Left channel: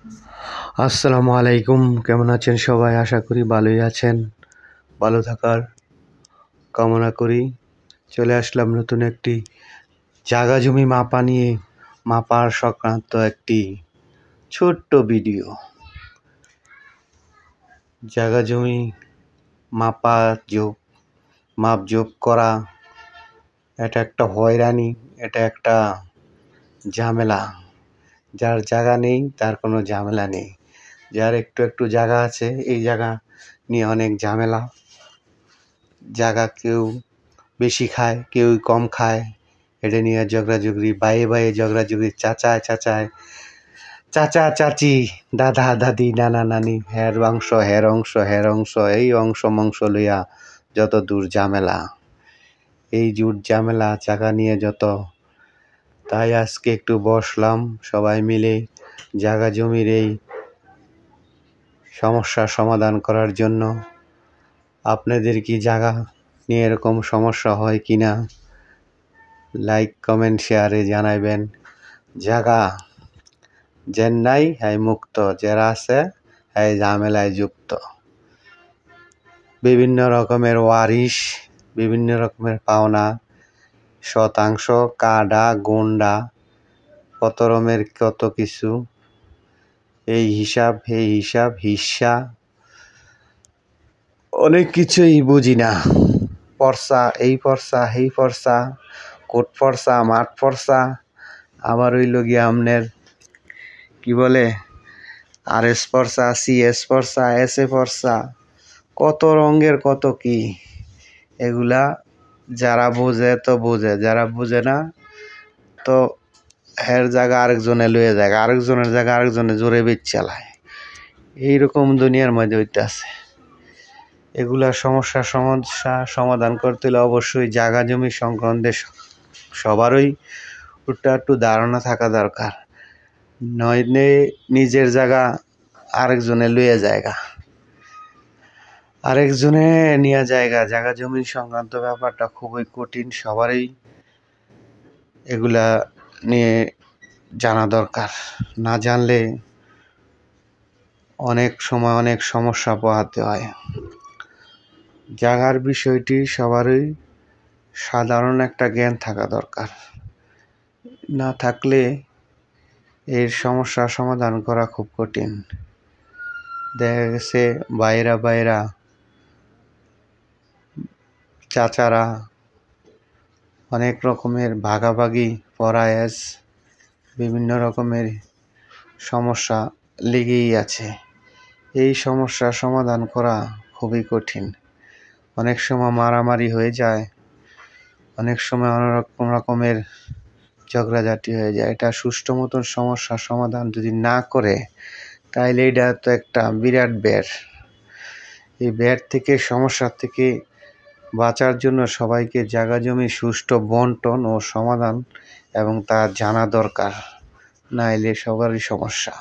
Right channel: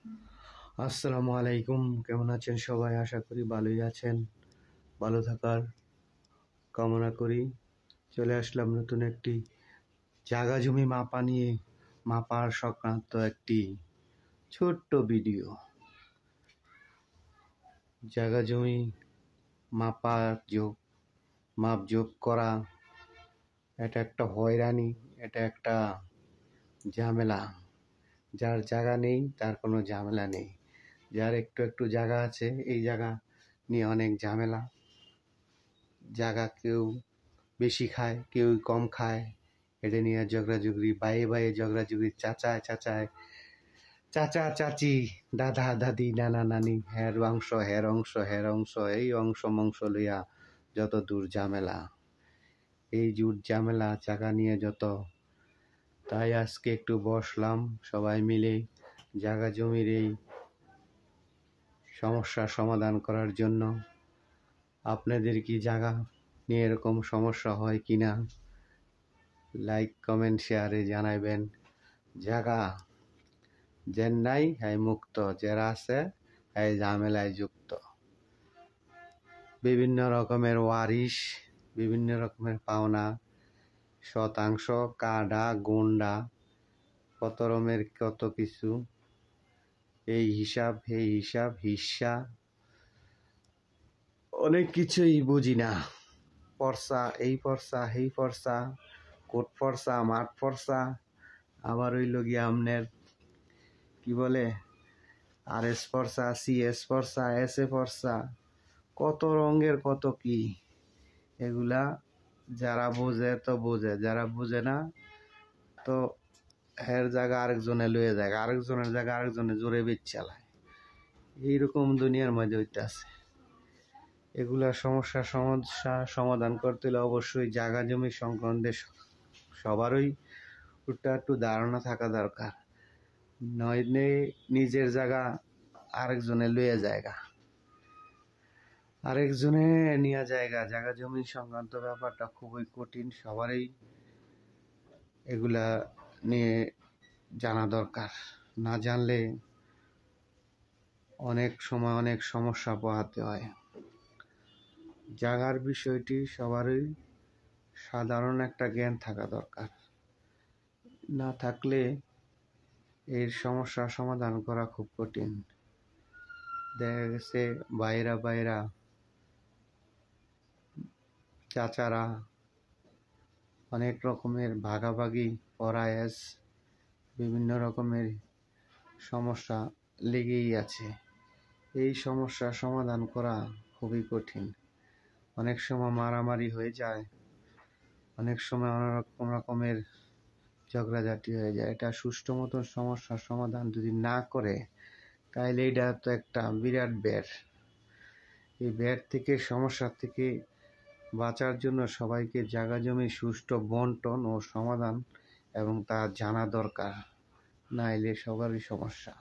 আসসালামু আলাইকুম। কেমন আছেন সবাই? আশা করি ভালোই আছেন। ভালো থাকার কামনা করি। চলে আসলাম নতুন একটি জায়গা জমি মাপার সংক্রান্ত একটি ছোট্ট ভিডিও। জায়গা জমি মাপজোপ করা এটা একটা হয়রানি, এটা একটা ঝামেলা। যার জায়গা নেই তার কোনো ঝামেলা নেই, যার একটু জায়গা আছে এই জায়গা নিয়ে অনেক ঝামেলা। জায়গা কেউ বেশি খায়, কেউ কম খায়, এটা নিয়ে ঝগড়াঝগড়ি, বাইয়ে ঝগড়াঝগড়ি, চাচা চাচি, দাদা দাদি, নানা নানি, হের অংশ এই অংশ লইয়া যত দূর ঝামেলা, এই জুট ঝামেলা জায়গা নিয়ে যত। তাই আজকে একটু বসলাম সবাই মিলে জায়গা জমির এই সমস্যার সমাধান করার জন্য। আপনাদের কি জায়গা নিয়ে এরকম সমস্যা হয় কি না? লাইক কমেন্ট শেয়ারে জানাইবেন। জায়গা যেন নাই হ্যাঁ মুক্ত, যারা আছে হ্যাঁ ঝামেলায় যুক্ত। বিভিন্ন রকমের ওয়ারিশ, বিভিন্ন রকমের পাওনা, শতাংশ, কাডা, গুন্ডা, কত রকমের কত কিছু, এই হিসাব হিস্সা, অনেক কিছুই বুঝি না। পর্সা, এই পর্সা, কোট পর্সা, মাঠ পর্সা, আবার হইল গিয়া আমনের কি বলে RS পর্সা, CS পর্সা, SA পর্সা, কত রঙের কত কি। এগুলা যারা বোঝে তো বোঝে, যারা বুঝে না তো হের জায়গা আরেকজনে লয়ে যায়, আরেকজনের জায়গা আরেকজনে জোরে বেচ চালায়। এইরকম দুনিয়ার মধ্যে হইতাছে। এগুলা সমস্যা সমাধান করতে হলে অবশ্যই জায়গা জমি সংক্রান্তে সবারই একটু ধারণা থাকা দরকার। নইলে নিজের জায়গা আরেকজনে লইয়া জায়গা, আরেকজনে নিয়ে জায়গা জমি সংক্রান্ত ব্যাপারটা খুবই কঠিন। সবারই এগুলা নিয়ে জানা দরকার। না জানলে অনেক সময় অনেক সমস্যা পোহাতে হয়। জায়গার বিষয়টি সবারই সাধারণ একটা জ্ঞান থাকা দরকার। না থাকলে এর সমস্যা সমাধান করা খুব কঠিন। দেখা গেছে বাইরা চাচারা অনেক রকমের ভাগাভাগি পরায়াস, বিভিন্ন রকমের সমস্যা লেগেই আছে। এই সমস্যার সমাধান করা খুবই কঠিন। অনেক সময় মারামারি হয়ে যায়, অনেক সময় অনেক রকমের ঝগড়াঝাটি হয়ে যায়। এটা সুষ্ঠু মতন সমস্যার সমাধান যদি না করে তাইলে এটা তো একটা বিরাট ব্যার। এই ব্যার থেকে, সমস্যার থেকে বাঁচার জন্য সবাইকে জায়গা জমি সুষ্ঠু বন্টন ও সমাধান এবং তা জানা দরকার, নাইলে সবারই সমস্যা।